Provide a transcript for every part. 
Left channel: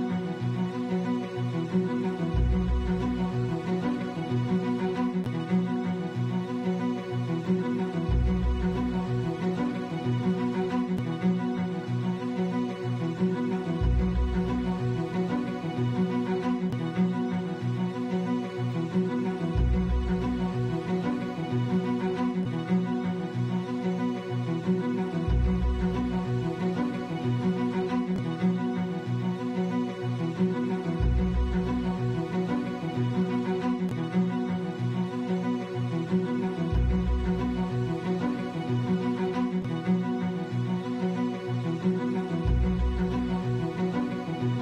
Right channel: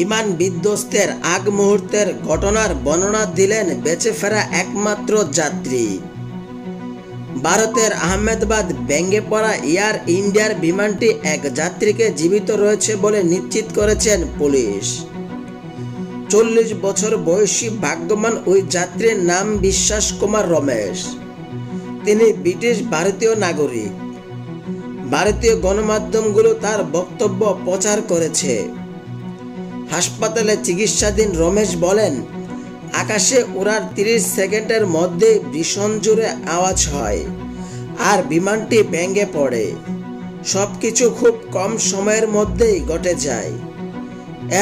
বিমান বিধ্বস্তের আগ মুহূর্তের ঘটনার বর্ণনা দিলেন বেঁচে ফেরা একমাত্র যাত্রী। ভারতের আহমেদাবাদ ভেঙে পড়া এয়ার ইন্ডিয়ার বিমানটি এক যাত্রীকে জীবিত রয়েছে বলে নিশ্চিত করেছেন পুলিশ। 40 বছর বয়সী ভাগ্যবান ওই যাত্রীর নাম বিশ্বাস কুমার রমেশ। তিনি ব্রিটিশ ভারতীয় নাগরিক। ভারতীয় গণমাধ্যমগুলো তার বক্তব্য প্রচার করেছে। হাসপাতালে চিকিৎসাধীন রমেশ বলেন, আকাশে ওড়ার 30 সেকেন্ডের মধ্যে ভীষণ জোরে আওয়াজ হয় আর বিমানটি ভেঙে পড়ে। সবকিছু খুব কম সময়ের মধ্যেই ঘটে যায়।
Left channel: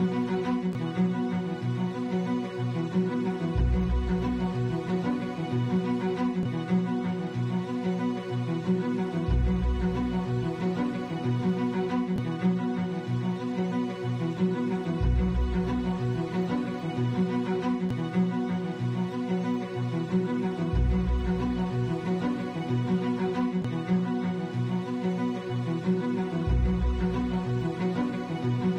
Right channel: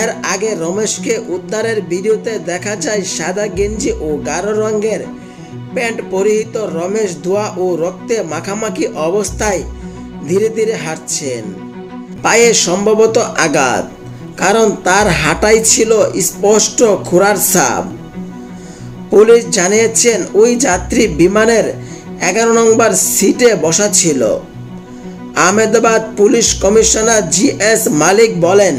এর আগে রমেশকে উদ্ধারের ভিডিওতে দেখা যায় সাদা গেঞ্জি ও গাঢ় রঙের প্যান্ট পরিহিত রমেশ ধোঁয়া ও রক্তে মাখামাখি অবস্থায় ধীরে ধীরে হাঁটছেন। পায়ে সম্ভবত আঘাত, কারণ তার হাঁটাই ছিল স্পষ্ট খোঁড়ার ছাপ। পুলিশ জানিয়েছেন ওই যাত্রী বিমানের 11 নম্বর সিটে বসা ছিল। আহমেদাবাদ পুলিশ কমিশনার GS মালিক বলেন,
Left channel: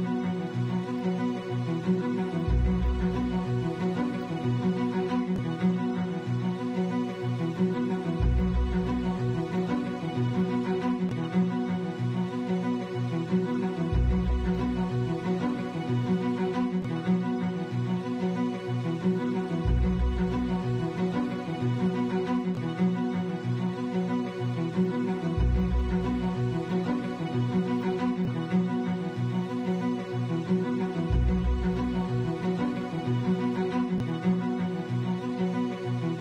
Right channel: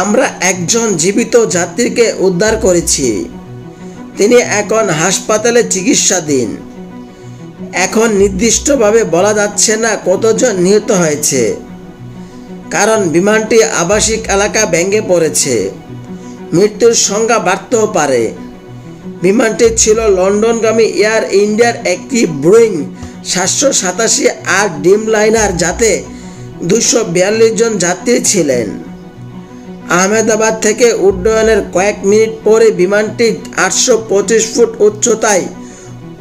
আমরা একজন জীবিত যাত্রীকে উদ্ধার করেছি। তিনি এখন হাসপাতালে চিকিৎসাধীন। এখন নির্দিষ্টভাবে বলা যাচ্ছে না কতজন নিহত হয়েছে, কারণ বিমানটি আবাসিক এলাকা ভেঙে পড়েছে। মৃত্যুর সংখ্যা বাড়তেও পারে। বিমানটি ছিল লন্ডনগামী এয়ার ইন্ডিয়ার একটি বোয়িং 787 ড্রিম লাইনার, যাতে 242 জন যাত্রী ছিলেন। আহমেদাবাদ থেকে উড্ডয়নের কয়েক মিনিট পরে বিমানটি 825 ফুট উচ্চতায়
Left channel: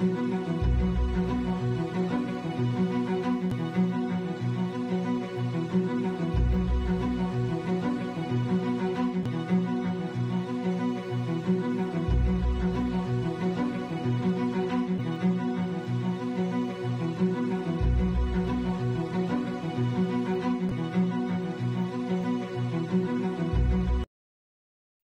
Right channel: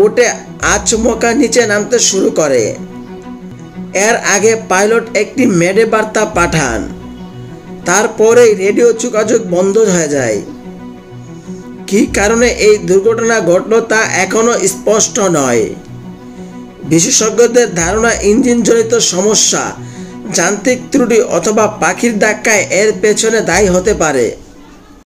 উঠে আচমকা নিচে নামতে শুরু করে। এর আগে পাইলট একটি মেডে বার্তা পাঠান। তারপরেই রেডিও যোগাযোগ বন্ধ হয়ে যায়। কী কারণে এই দুর্ঘটনা ঘটল তা এখনো স্পষ্ট নয়। বিশেষজ্ঞদের ধারণা, ইঞ্জিনজনিত সমস্যা, যান্ত্রিক ত্রুটি অথবা পাখির ধাক্কায় এর পেছনে দায়ী হতে পারে।